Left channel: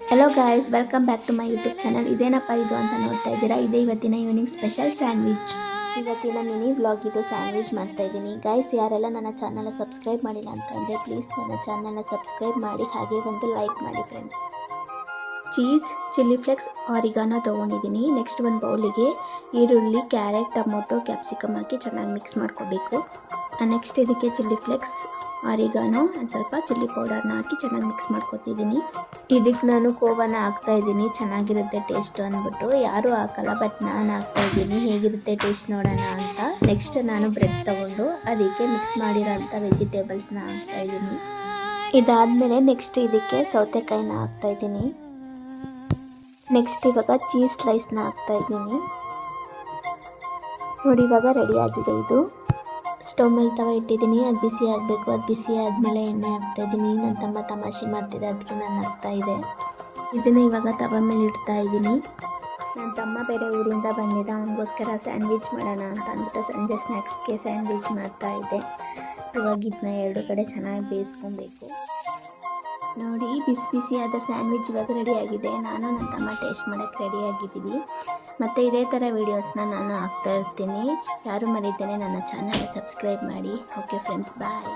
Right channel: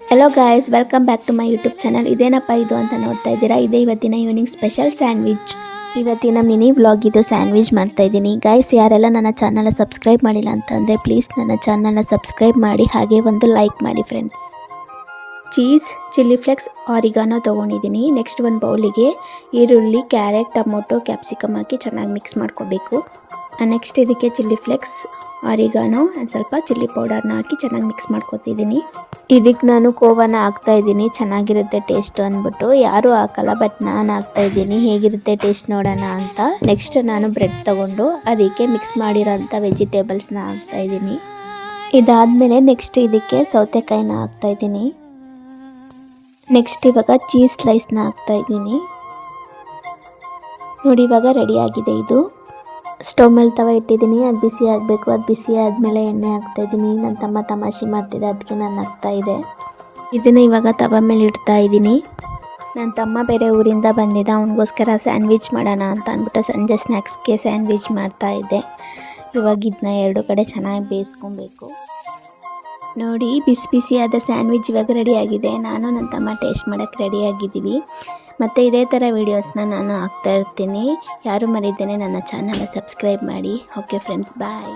Hello guys, welcome back to my YouTube channel. ಇದೇನಪ್ಪ ಇದು ಅಂತ ನೋಡ್ತಾ ಇದ್ದೀರಾ. ಇದೇ ಇವತ್ತಿನ ಈವ್ನಿಂಗ್ ಸ್ಪೆಷಲ್ ಸ್ಯಾಂಡ್ವಿಚ್. ಇವತ್ತಿನ ಮಿನಿ ವ್ಲಾಗ್ ಇದು. ಸ್ಯಾಂಡ್ವಿಚ್ ಮಾಡ್ತಾ ಇದ್ದೀನಿ ಗಾಯ್ಸ್. ಯಾರೆಲ್ಲ ನನ್ನ ಚಾನಲ್ನ ಸಬ್ಸ್ಕ್ರೈಬ್ ಮಾಡಿಲ್ಲ ಅಂತಂದರೆ ಪ್ಲೀಸ್ ನನ್ನ ಚಾನಲ್ನ ಸಬ್ಸ್ಕ್ರೈಬ್ ಮಾಡಿ, ಹಾಗೆ ಒಂದು ಲೈಕ್ ಮಾಡಿ ಫ್ರೆಂಡ್ಸ್. ಚೀಸ್, ಚಿಲ್ಲಿ ಫ್ಲೆಕ್ಸ್, ಆರಿಗಾನೋ ತೊಗೊಂಡಿದ್ದೀನಿ. ನೆಕ್ಸ್ಟ್ ಒಂದು ಬೌಲಿಗೆ ಈರುಳ್ಳಿ, ಕ್ಯಾರೆಟ್, ಟೊಮೊಟೊ, ಕ್ಯಾಪ್ಸಿಕಮ್ ಹಾಕಿ ಚೆನ್ನಾಗಿ ಮಿಕ್ಸ್ ಮಾಡ್ಕೋಬೇಕು. ನೆಕ್ಸ್ಟ್ ಇದಕ್ಕೆ ಚಿಲ್ಲಿ ಫ್ಲೆಕ್ಸ್, ಆರಿಗಾನೋ, ಸ್ವಲ್ಪ ಚಿಲ್ಲಿ ಪೌಡರ್ನ ಹಾಕಿ ಚೆನ್ನಾಗಿ ಮಿಕ್ಸ್ ಮಾಡ್ಕೊತಿದ್ದೀನಿ. ಇದಕ್ಕೆ ನಾನು ಕೋವನ ಹಾಕ್ತಾಯಿದ್ದೀನಿ, ಚೆನ್ನಾಗಿರುತ್ತೆ ಟೇಸ್ಟ್ ಅಂದ್ಬಿಟ್ಟು. ಯಾರೂ ಹಾಕಲ್ಲ, ಬಟ್ ನಾನು ಹಾಕ್ತಾಯಿದ್ದೀನಿ ಹೇಗಿರುತ್ತೆ ಟೇಸ್ಟ್ ನೋಡೋಣ ಅಂತ. ನೆಕ್ಸ್ಟ್ ನಾನು ಬ್ರೆಡ್ ತೊಗೊಂಡು ಅದಕ್ಕೆ ಮಿಕ್ಸ್ ಮಾಡಿರೋಂಥ ವೆಜಿಟೇಬಲ್ಸ್ನ ಹಾಕ್ತಾಯಿದ್ದೀನಿ. ಇದಾದಮೇಲೆ ನೆಕ್ಸ್ಟ್ ಇದಕ್ಕೆ ಸೌತೆಕಾಯಿನ ಹಾಕ್ತಾಯಿದ್ದೀನಿ. ನೆಕ್ಸ್ಟ್ ಇವಾಗ ಚೀಸ್ ಸ್ಲೈಸ್ನ ಹಾಕ್ತಾಯಿದ್ದೀನಿ. ನೋಡಿ, ಇವಾಗ ರೆಡಿಯಾಗಿದೆ ಇದು. ಸ್ಟವ್ ಮೇಲೆ ತವ ಇಟ್ಟಿದ್ದೀನಿ, ಅದು ಬಿಸಿ ಆಗಬೇಕು. ಅದು ಬಿಸಿ ಆದಮೇಲೆ ಎಣ್ಣೆ ಹಾಕ್ತಾಯಿದ್ದೀನಿ. ನನ್ನ ತಮ್ಮ ತಮಾಷೆ ಮಾಡ್ತಿದ್ದೆ, ಅದಕ್ಕೆ ನಾನು ಹಾಕ್ತಾಯಿದ್ದೆ. ಇದನ್ನು ಇವಾಗ ತವ ಮೇಲೆ ಇಡ್ತಾ ಇದ್ದೀನಿ. ನನ್ನ ತಮ್ಮ ಬೇರೆ ಊರಿಂದ ಬಂದಿದ್ದ, ಅವನಿಗೋಸ್ಕರ ಸ್ಯಾಂಡ್ವಿಚ್ ಮಾಡೋಣ ಅಂತ ಅಂದ್ಬಿಟ್ಟು ಸಂಜೆ ಸ್ನ್ಯಾಕ್ಸ್ಗೆ ಸ್ಯಾಂಡ್ವಿಚ್ ಮಾಡ್ತಾಯಿದ್ದೆ. ಇವಾಗ ಇದನ್ನ ಎರಡು ಕಡೆ ಚೆನ್ನಾಗಿ ಬೇಯಿಸ್ಕೊಬೇಕು. ನೋಡಿ, ಬಿಸಿ ಬಿಸಿಯಾದ ಸ್ಯಾಂಡ್ವಿಚ್ ಇವಾಗ ರೆಡಿಯಾಗಿದೆ. ನಾನು ನನ್ನ ತಮ್ಮ ಟೇಸ್ಟ್ ಮಾಡೋಕ್ಕೆ ರೆಡಿಯಾಗಿದ್ದೀವಿ. ಮತ್ತು ಇದೇ ಥರ ವೀಡಿಯೋಸ್ನ ನಾನು ಹಾಕ್ತಾ ಇರ್ತೀನಿ. ಯಾರು ಮರಿದೇನೆ ನನ್ನ ಚಾನಲ್ನ ಸಬ್ಸ್ಕ್ರೈಬ್ ಮಾಡಿ. ಓಕೆ ಫ್ರೆಂಡ್ಸ್, ಬಾಯ್.